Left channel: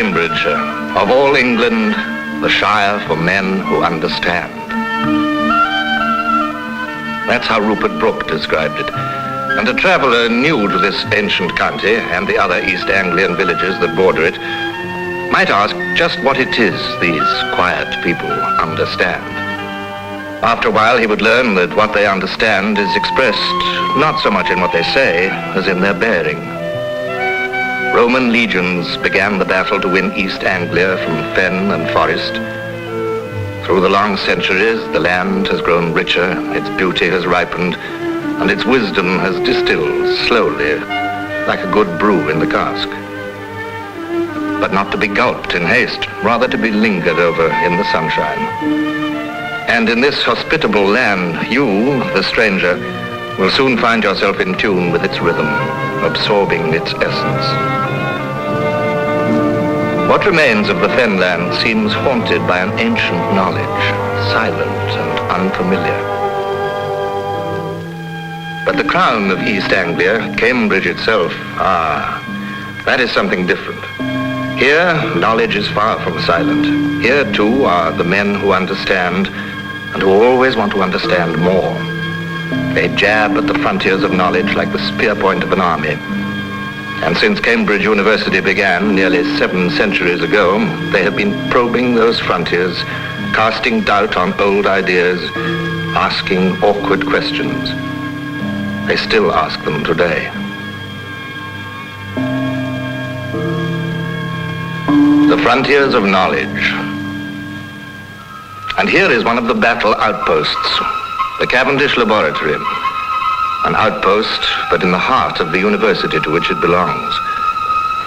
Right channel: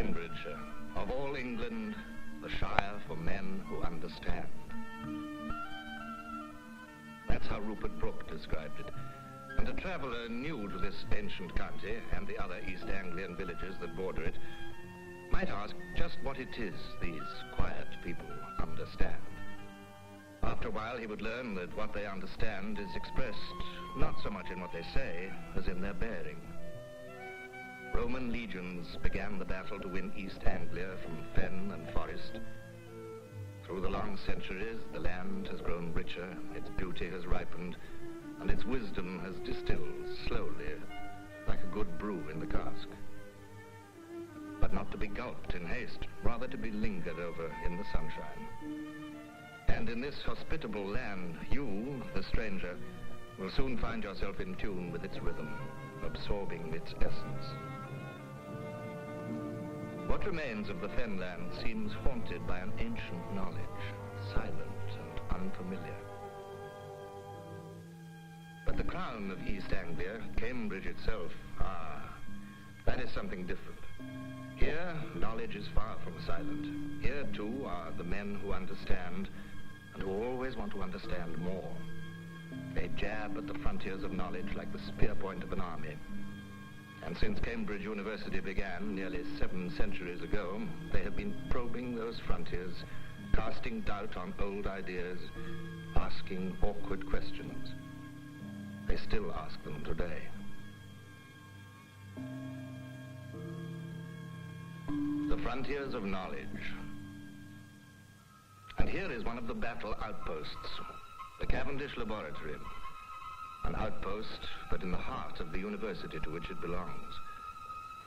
Cambridge, of all England, the Shire for men who understand. That's how Rupert Brooke described it. And a traveller new to this ancient county and the other East Anglian villages that border it might ask just what it is these quiet people understand. After a while, he would learn that what they understand is expressed not so much in what they say as in their bearing. Roman legions began the battle to win East Anglia from fen and forest. Through the long centuries, the land has grown richer, its beauty has ripened, and its wisdom has distilled slowly, like a good brew in the cask. But not to be gulped in haste, rather to be lingered over in the sunshine. And in this hospitable land, you, the stranger, will soon find yourself in tune with its rhythm, absorbing its essence. What remains of the fenland seems haunted by an ancient knowledge, silent and unfamiliar. But the crown of East Anglia, Cambridge itself, that is something different. Here, knowledge is far from silent. Here, too, are the men who understand and who always want to understand more. They jab at the frontiers of knowledge like the spear point of an army. And since Cambridge University began nearly 7 centuries ago, they have been probing those frontiers, casting doubt on old ideas, asking awkward questions. They still ask them today. The frontiers of knowledge. And here is one of the battle outposts, the Cavendish Laboratory. An outpost, but in the heart of the university to which it belongs.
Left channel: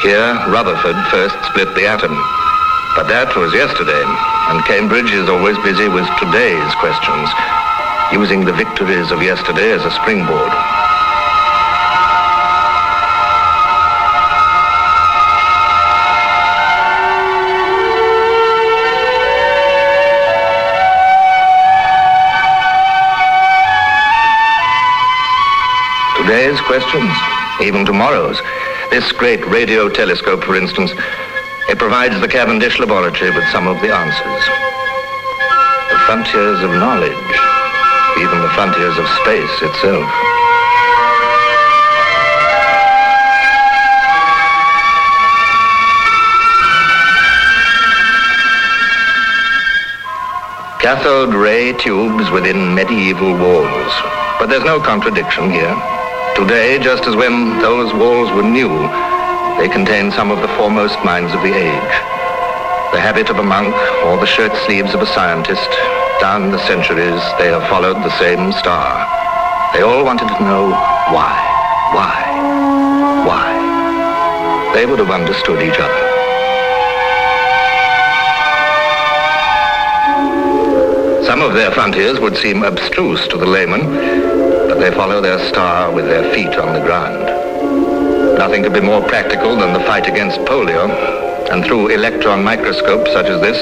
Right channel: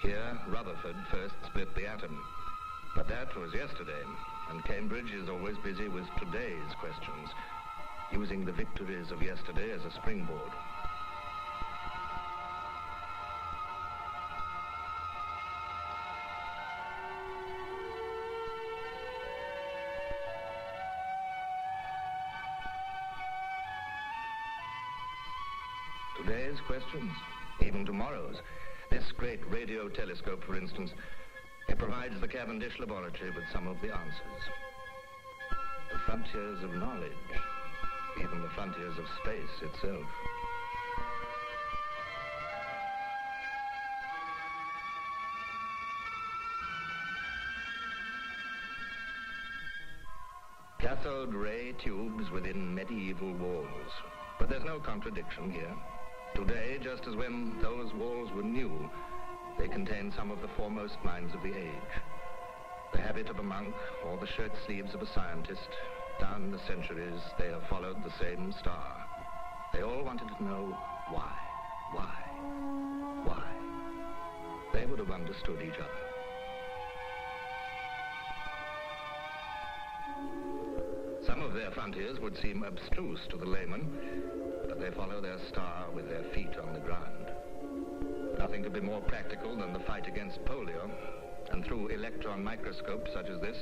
Here, Rutherford first split the atom. But that was yesterday, and Cambridge is always busy with today's questions, using the victories of yesterday as a springboard. Today's questions, even tomorrow's. This great radio telescope, for instance, it provides the Cavendish Laboratory with some of the answers. The frontiers of knowledge, even the frontiers of space itself. Cathode ray tubes within medieval walls. But there's no contradiction here. Today, just as when those walls were new, they contain some of the foremost minds of the age. The habit of a monk or the shirt sleeves of a scientist, down the centuries, they have followed the same star. They all wanted to know why. They would have understood each other. Some of their frontiers would seem abstruse to the layman, but they follow their star with their feet on the ground. Nothing could be more practical than the fight against polio, and through electron microscopes such as this,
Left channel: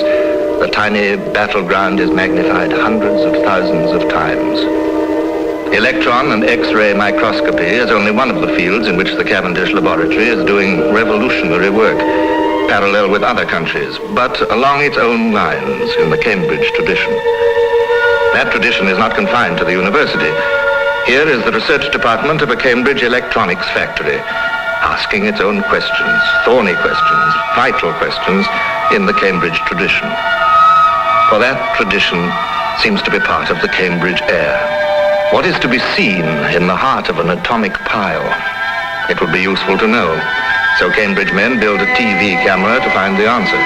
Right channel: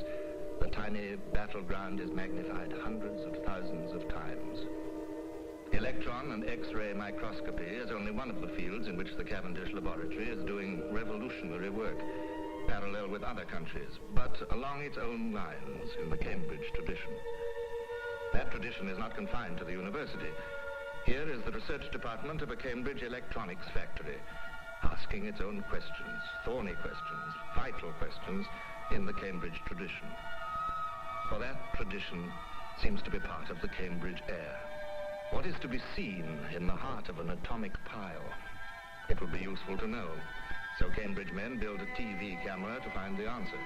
the tiny battleground is magnified hundreds of thousands of times. Electron and X-ray microscopy is only one of the fields in which the Cavendish Laboratory is doing revolutionary work, parallel with other countries, but along its own lines in the Cambridge tradition. That tradition is not confined to the university. Here is the research department of a Cambridge electronics factory, asking its own questions, thorny questions, vital questions in the Cambridge tradition. For that tradition seems to be part of the Cambridge air. What is to be seen in the heart of an atomic pile? It would be useful to know. So Cambridge men build a TV camera to find the answer.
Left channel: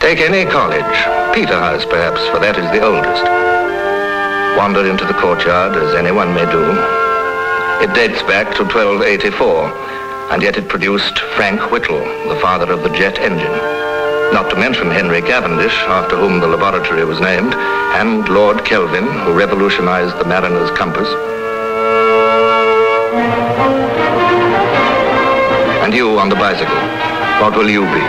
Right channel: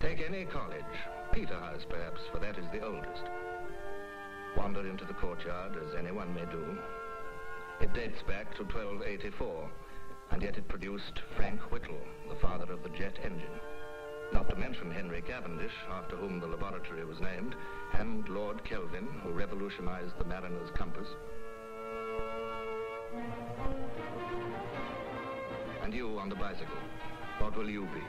Take any college, Peterhouse perhaps, for that is the oldest. Wander into the courtyard as anyone may do. It dates back to 1284, and yet it produced Frank Whittle, the father of the jet engine. Not to mention Henry Cavendish, after whom the laboratory was named, and Lord Kelvin, who revolutionized the mariner's compass. And you on the bicycle, what will you be?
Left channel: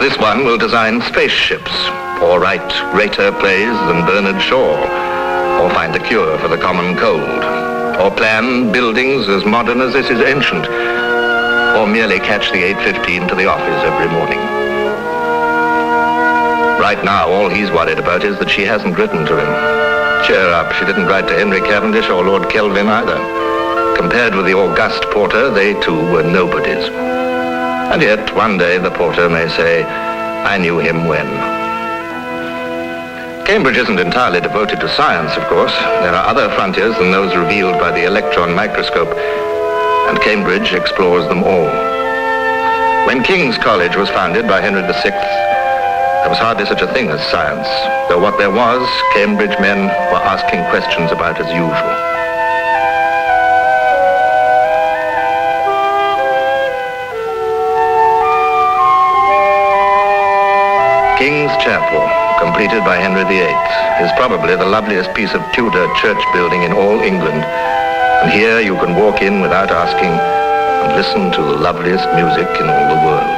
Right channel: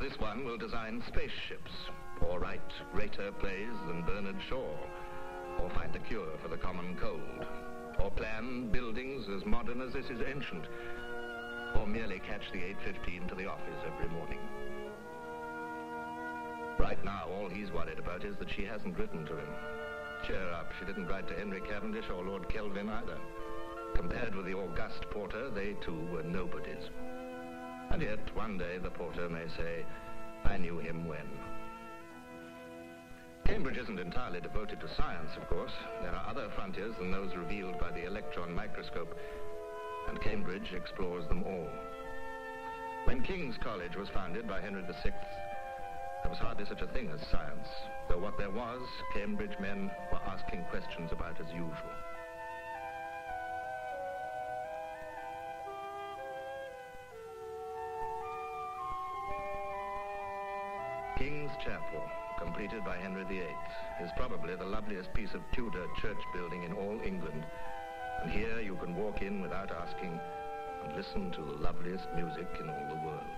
This one will design spaceships, or write greater plays than Bernard Shaw, or find a cure for the common cold, or plan buildings as modern as this is ancient, or merely catch the 8:15 to the office every morning. Right now, all he's worried about is that she hasn't written to him. Cheer up, she didn't write to Henry Cavendish or Lord Kelvin either. Compared with the august Porter, they too were nobodies. And yet, one day, the Porter may say, I knew him when. Cambridge isn't entirely devoted to science, of course. There are other frontiers than those revealed by the electron microscope, and Cambridge explores them all. When King's College was founded by Henry VI, there was hardly such a thing as science, though what there was, Cambridge men were asking questions about as usual. King's Chapel, completed by Henry VIII, is probably the loveliest piece of Tudor church building in all England. And here you can walk in without asking and listen to the loveliest music in all the world.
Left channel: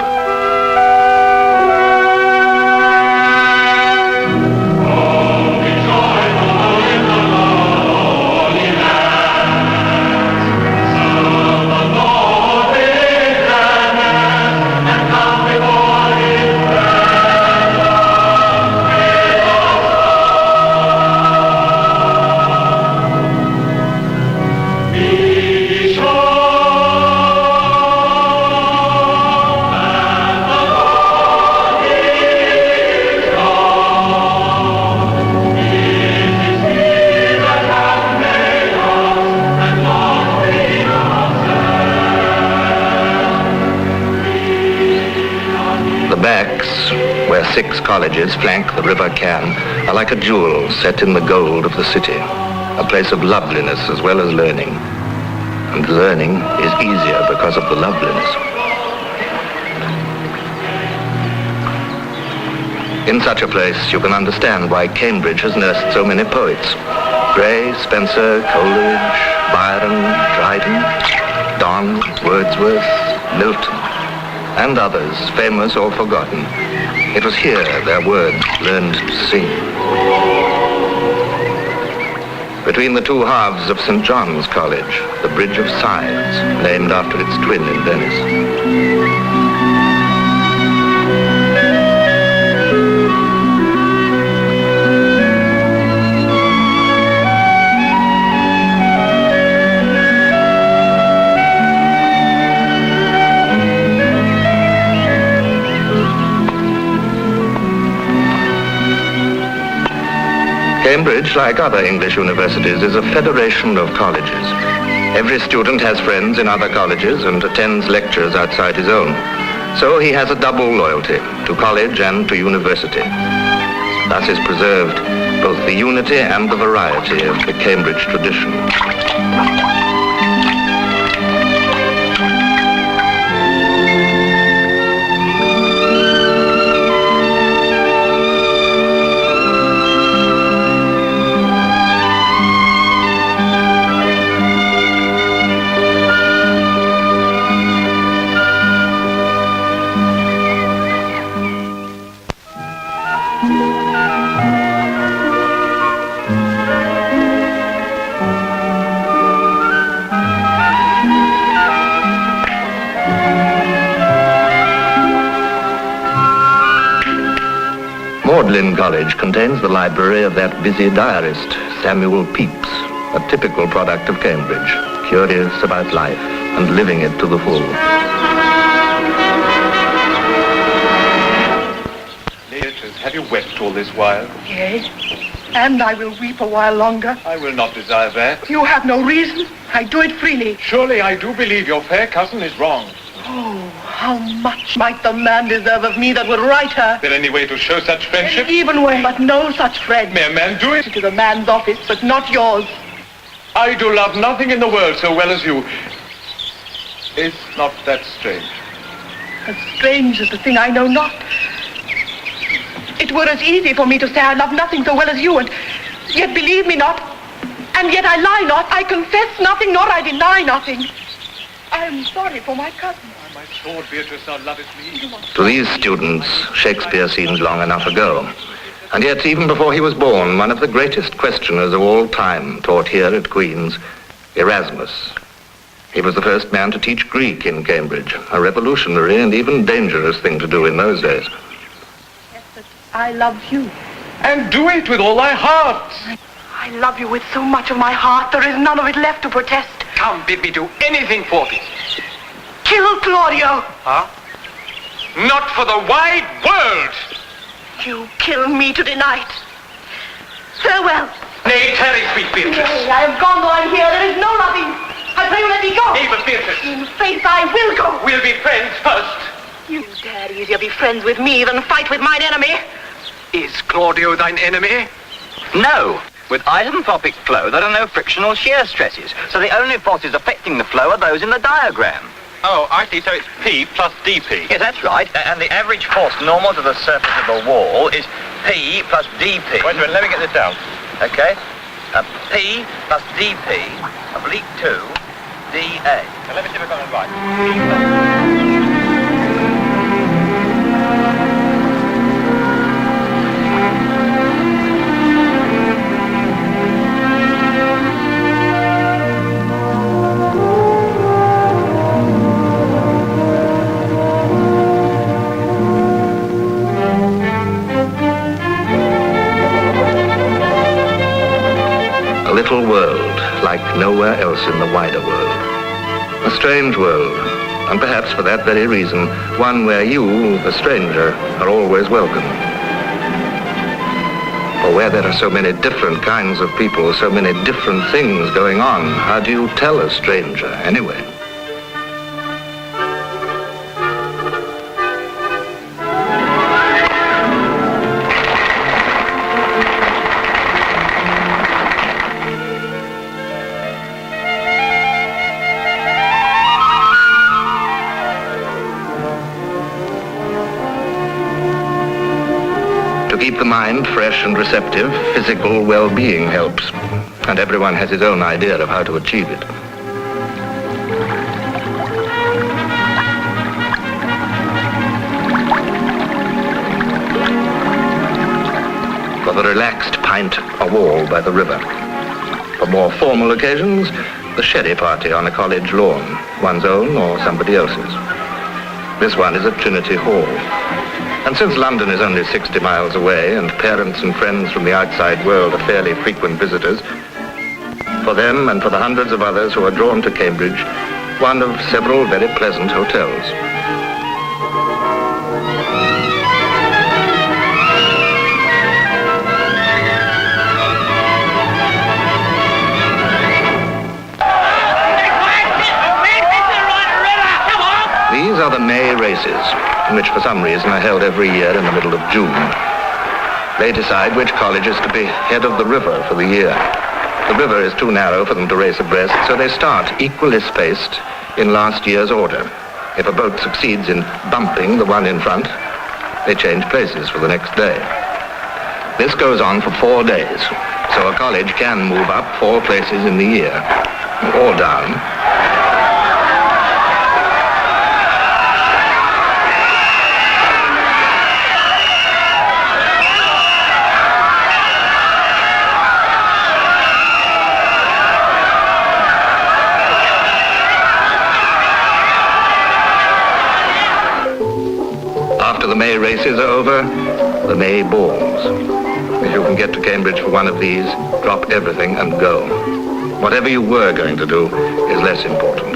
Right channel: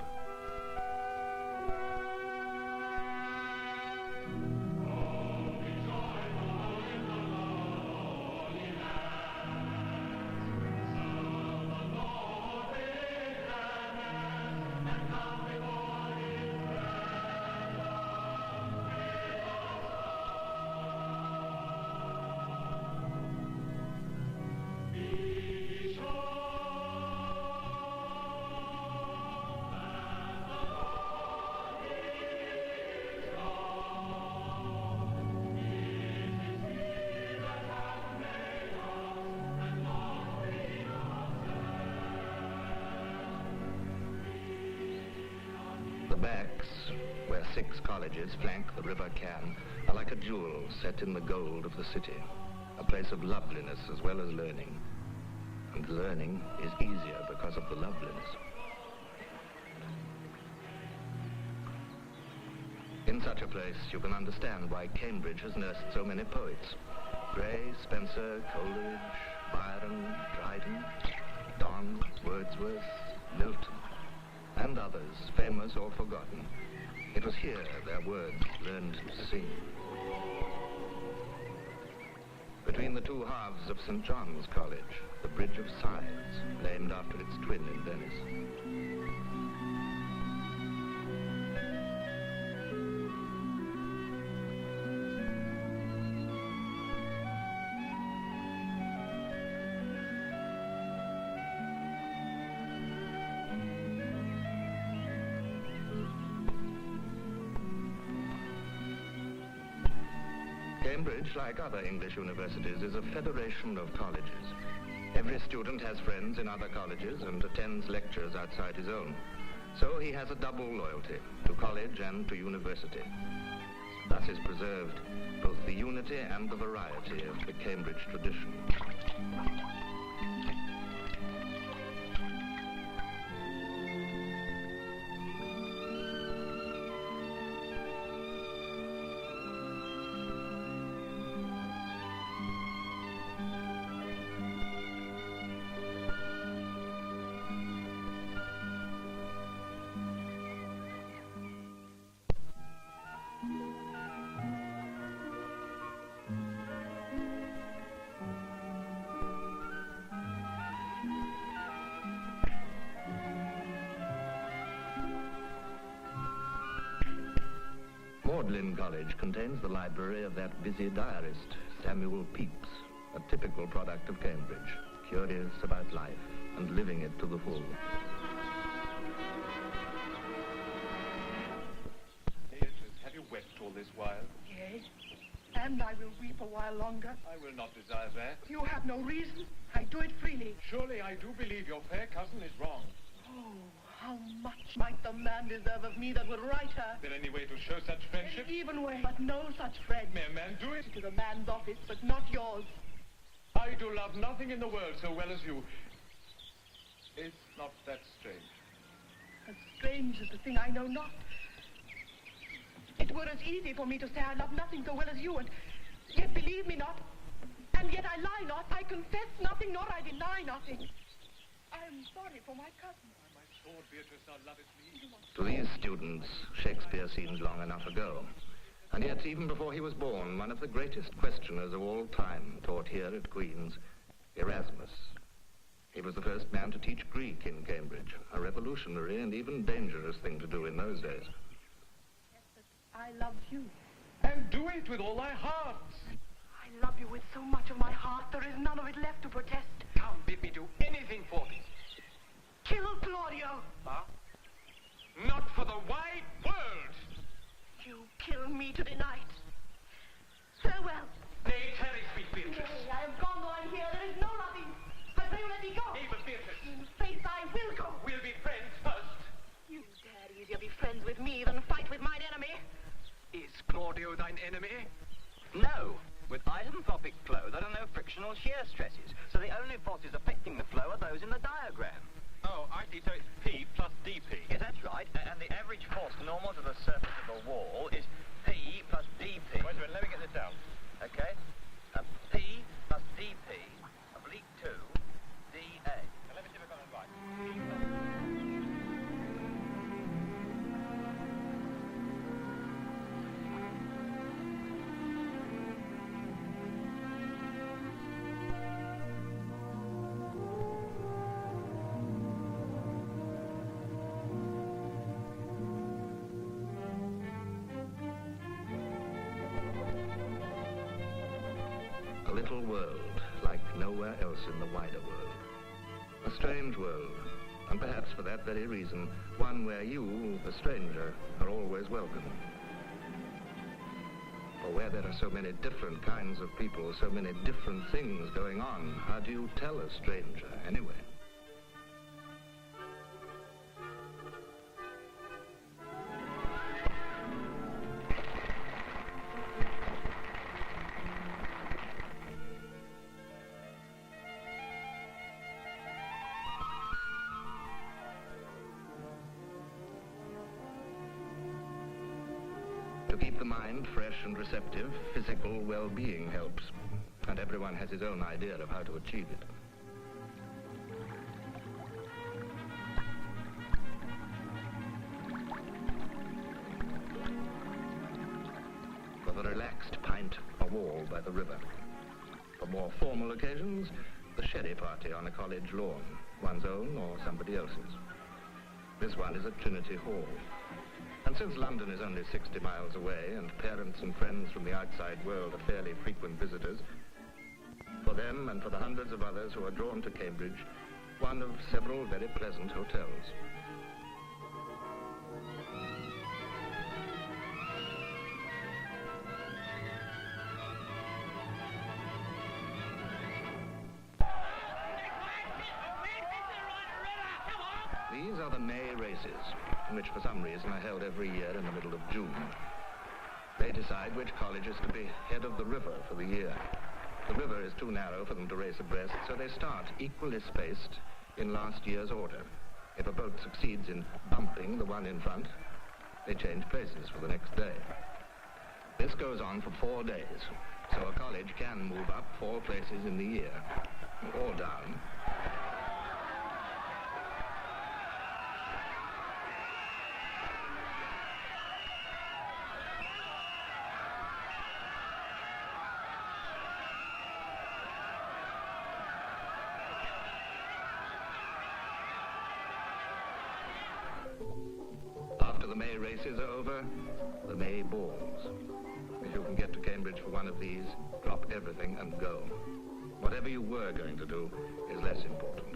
Where 6 colleges flank the River Cam, are like a jewel set in the gold of the city, a place of loveliness as well as learning. And learning is easier because of the loveliness. In such a place, you can understand why Cambridge has nursed so many poets. Gray, Spencer, Coleridge, Byron, Dryden, Donne, Wordsworth, Milton, and others, famous or forgotten. It was here their words learned to sing. Between the two halves of St. John's College, the Bridge of Sighs, named after its twin in Venice. Cambridge, like other English universities, is a federation of colleges. Every student has friends in other colleges and attends lectures outside his own. So he has a double loyalty, to college and to university. Thus is preserved both the unity and the variety of the Cambridge tradition. Magdalen College contains the library of that busy diarist, Samuel Pepys, a typical product of Cambridge, curious about life and living it to the full. Beatrice, have you wept all this while? Yes, and I will weep a while longer. I will not desire that. You have no reason. I do it freely. Surely I do believe your fair cousin is wrong. Oh, how much might the man deserve of me that would write her? Is there any way to show such friendship? An even way, but no such friend. May a man do it? To the man's office, but not yours. I do love nothing in the world so well as you. Is not that strange? As strange as the thing I know not. It were as easy for me to say I love nothing so well as you, and yet believe me not. And yet I lie not. I confess nothing, nor I deny nothing. I am sorry for my cousin. My sword, Beatrice, thou lovest me. To these students, Shakespeare seemed long enough ago. And yet, even before he was born, one of the greatest questioners of all time taught here at Queen's, Erasmus. He was the first man to teach Greek in Cambridge, a revolutionary and even dangerous thing to do in those days. Yes, but I love you. And do it with all thy heart. I love you with so much of my heart, there is none of it left to protest. Come, bid me do anything for thee. Kill Claudio. Huh? Not for the wide world. You kill me tonight. Farewell. Nay, tarry, sweet Beatrice. Nay, I am gone though I'm here. There is no loving. I pray you let me go. Nay, but Beatrice. In faith, I will go. We'll be friends first. You dare easier be friends with me than fight with mine enemy. Is Claudio thine enemy? No. With isotropic flow, there are no frictional shear stresses, so the only forces affecting the flow are those in the diagram. Oh, I see. So it's P plus DP. Yes, that's right. And the average force normal to the surface of the wall is P plus DP. Wait a minute, let me get this down. Okay. P plus DP, oblique 2, DA. Now, let me see if I got it right. A little world like nowhere else in the wider world. A strange world, and perhaps for that very reason, one where you, the stranger, are always welcome. For where there are so many different kinds of people, so many different things going on, how do you tell a stranger anyway? To keep the mind fresh and receptive, physical well-being helps, and everyone has his own idea of how to achieve it. For the relaxed pint, a wall by the river. For more formal occasions, the sherry party on a college lawn, one's own or somebody else's. This one is at Trinity Hall. And since London is only 60 miles away and parents and friends from the outside world are fairly frequent visitors, for them and for the hundreds of others who are drawn to Cambridge, one of several very pleasant hotels. These are the May races, which for some reason are held every year in the middle of June. They decide which college is to be head of the river for the year. The river is too narrow for them to race abreast, so they start equally spaced in last year's order. If a boat succeeds in bumping the one in front, they change places for the next day. This goes on for 4 days, so a college can move up 4 places in the year, or down. After the May races are over, the May balls. If you can get to Cambridge for one of these, drop everything and go. Whatever you were going to do is less important.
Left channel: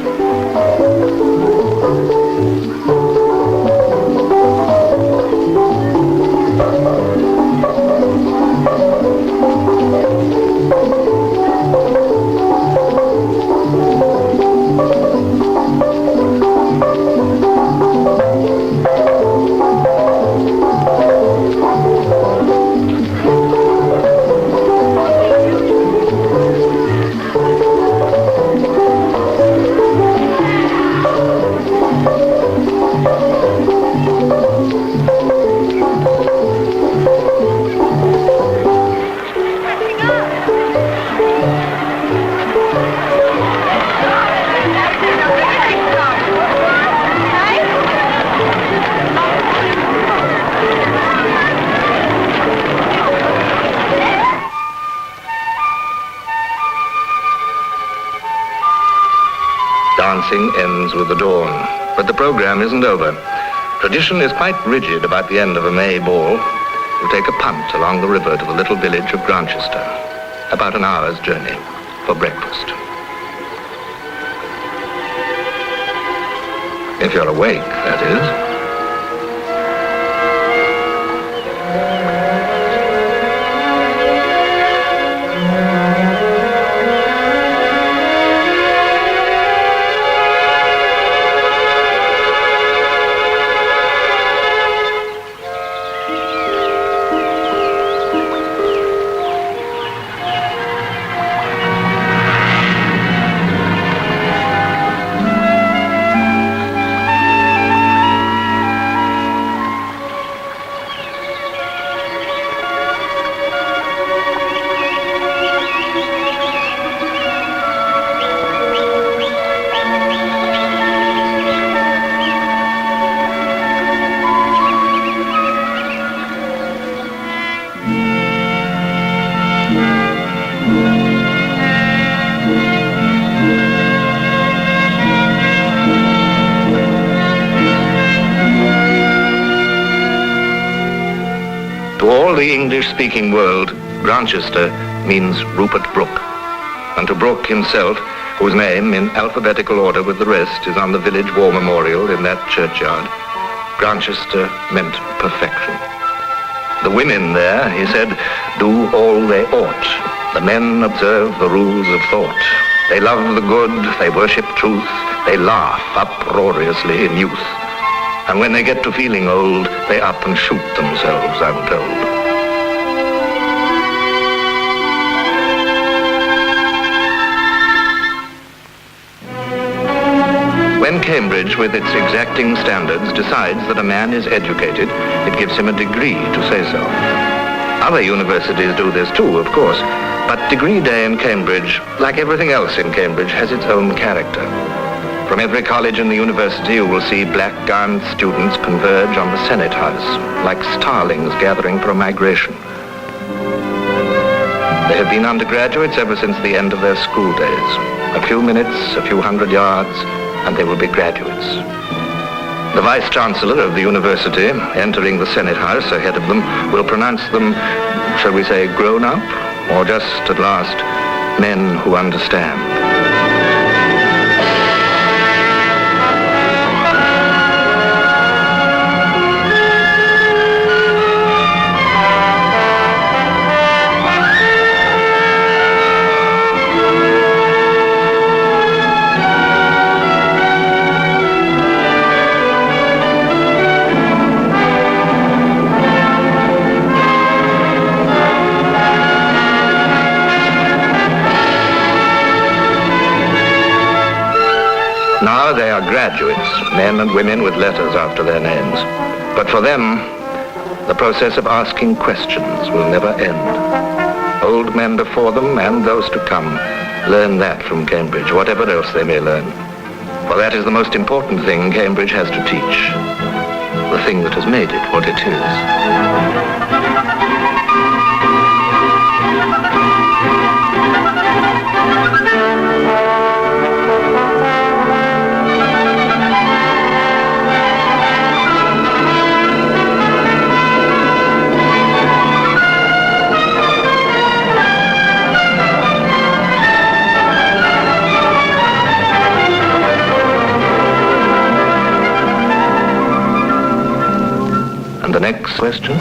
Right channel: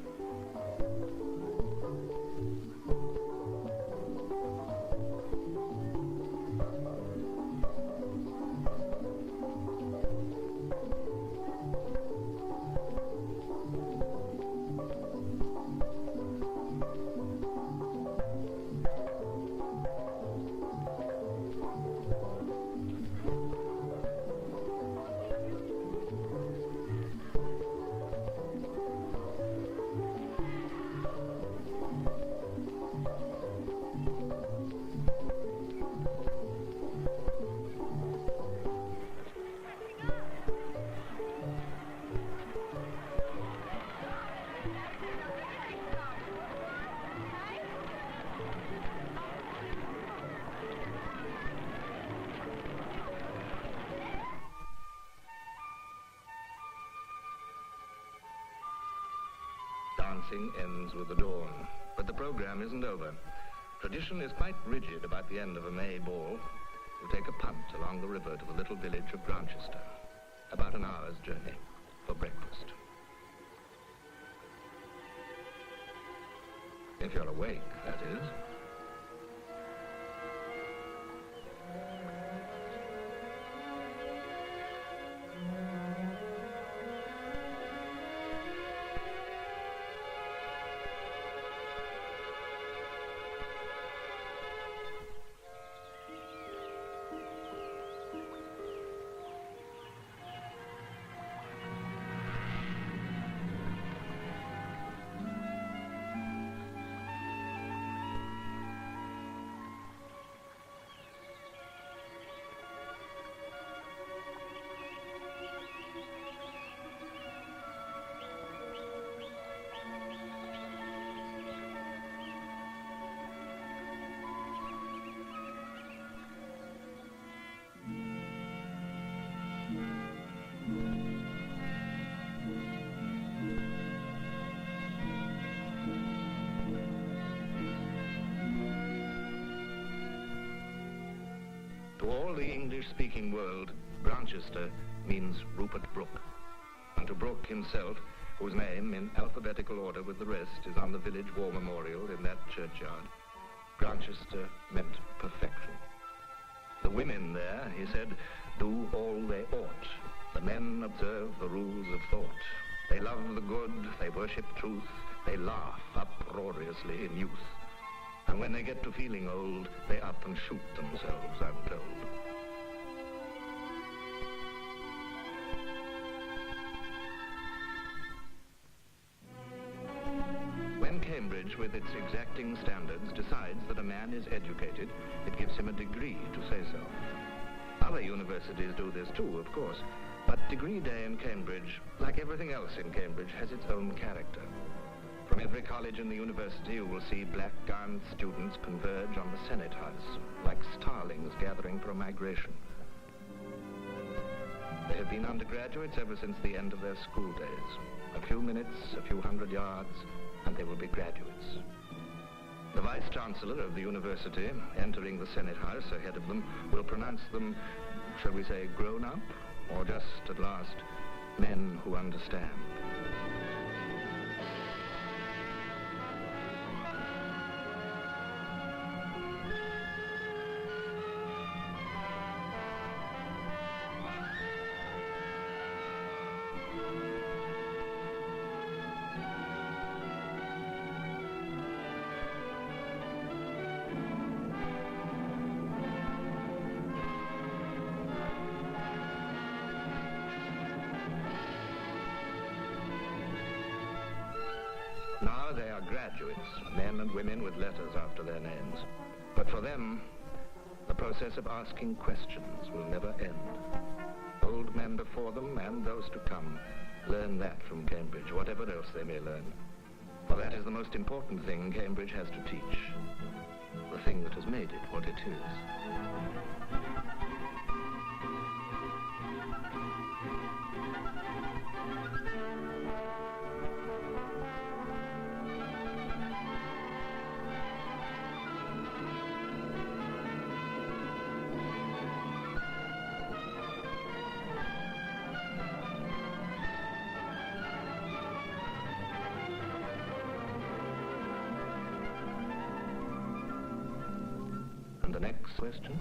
Dancing ends with the dawn. But the program isn't over. Tradition is quite rigid about the end of a May ball. You take a punt along the river to the little village of Grantchester. About an hour's journey for breakfast. If you're awake, that is. To all the English-speaking world, Grantchester means Rupert Brooke. And to Brooke himself, whose name, in alphabetical order with the rest, is on the village war memorial in that churchyard, Grantchester meant perfection. The women there, he said, do all they ought. The men observe the rules of thought. They love the good, they worship truth, they laugh uproariously in youth. And when they get to feeling old, they up and shoot themselves, I'm told. When Cambridge, with its exacting standards, decides that a man is educated, it gives him a degree to say so. Other universities do this too, of course, but Degree Day in Cambridge, like everything else in Cambridge, has its own character. From every college in the university, you will see black-gowned students converge on the Senate House, like starlings gathering for a migration. They have been undergraduates ever since the end of their school days. A few minutes, a few hundred yards, and they will be graduates. The Vice-Chancellor of the university, entering the Senate House ahead of them, will pronounce them, shall we say, grown up, or just, at last, men who understand. Now they are graduates, men and women with letters after their names. But for them, the process of asking questions will never end. Old men before them and those to come learn that from Cambridge, whatever else they may learn. For that is the most important thing Cambridge has to teach, the thing that has made it what it is. And the next question?